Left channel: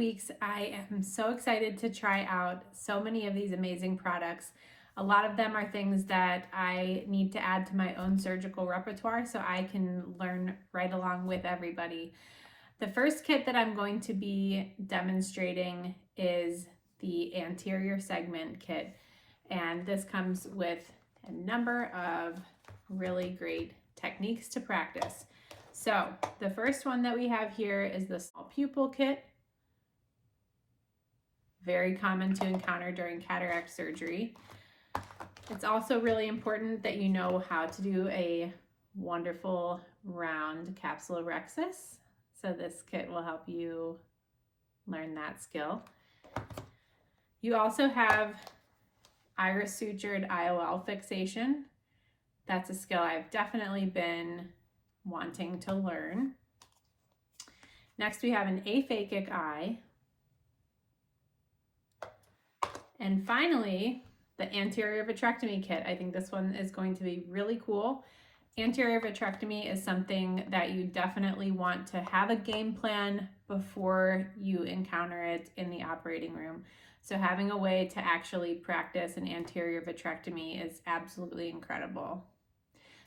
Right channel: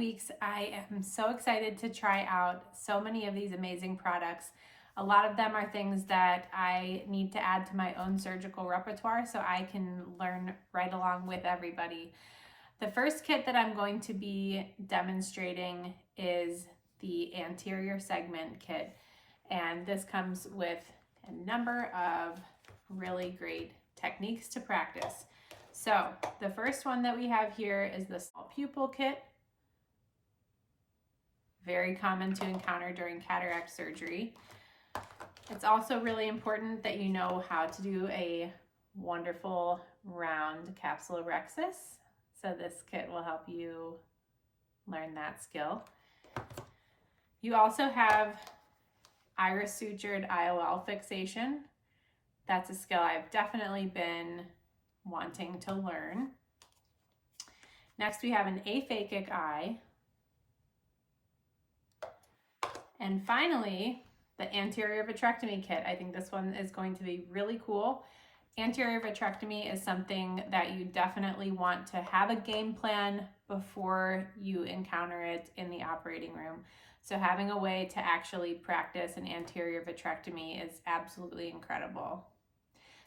weeks, I am so excited to try out so many of these amazing products. A lot of them are things that I need to add to my own surgical repertoire so I can learn right along with everybody. The first kit that I'm going to be demonstrating is the Anterior Segment Kit, and this comes with a number of really great techniques to practice. So the first one that we have here is the small pupil kit. Very common to encounter during cataract surgery. It's also really important that you know how to do a wonderful round capsulorhexis. So this kit will help you learn that skill. You also have iris sutured IOL fixation. That's a skill I've definitely been wanting to learn. Next, we have an aphakic eye. And finally, the anterior vitrectomy kit. I think this one is going to be really cool. Anterior vitrectomy is something that you definitely want to have a game plan before you encounter it in the operating room. So having a way to actually practice an anterior vitrectomy is absolutely incredible.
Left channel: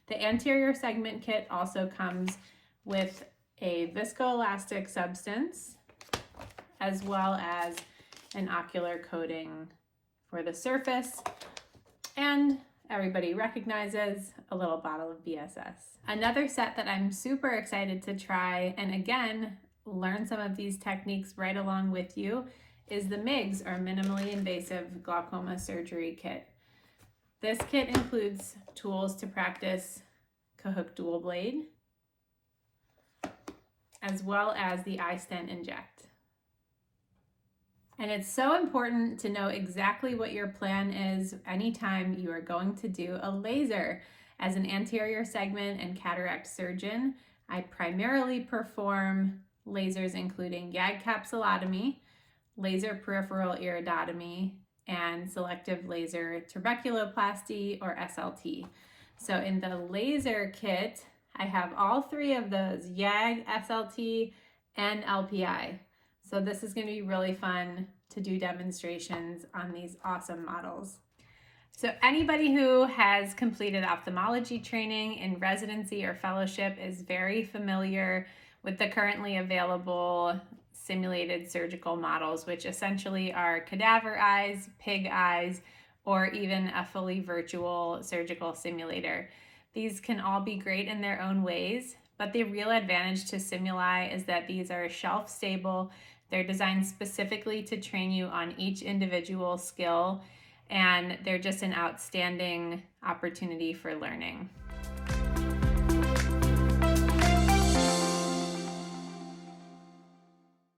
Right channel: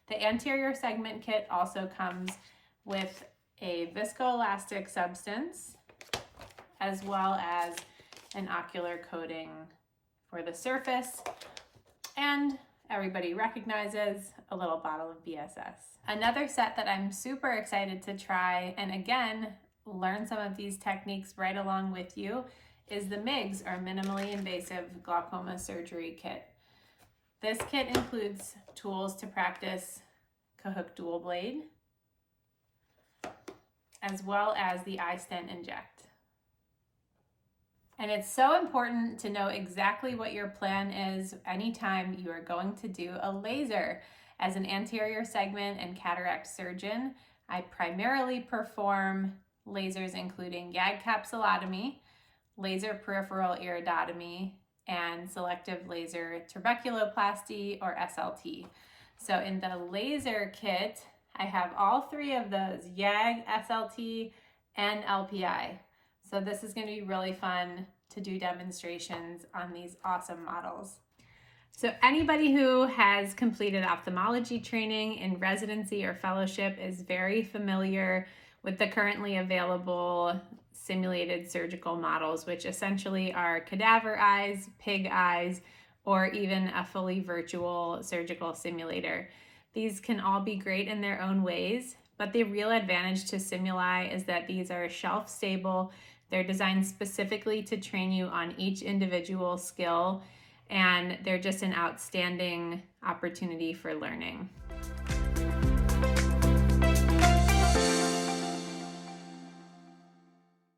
The anterior segment kit also comes with a viscoelastic substance, as well as an ocular coating for the surface, and everybody recognizes a little bottle of BSS. Another set that I'm super excited to try, and again, learn some of these techniques right along with you, is the MIGS, or Minimally Invasive Glaucoma Surgery Kit. This kit includes tools to practice Cahook dual blade, as well as the iStent inject. And it's so important to know exactly what your plan is anytime you are going to do a laser. As an anterior segment and cataract surgeon, I primarily perform lasers including YAG capsulotomy, laser peripheral iridotomy, and selective laser trabeculoplasty, or SLT. So in the laser kit, I have all three of those, YAG, SLT, and LPI. So this is going to be really fun to do demonstrations on these awesome models. So anybody who has completed ophthalmology training in residency or fellowship is very familiar with the currently available simulated surgical models, which essentially are cadaver eyes, pig eyes, or even a fully virtual surgical simulator. These can all be great in their own ways, but the real advantage to SimulEYE is that these are shelf stable. They're designed specifically to train you on each individual skill, and they're just an outstanding opportunity for learning.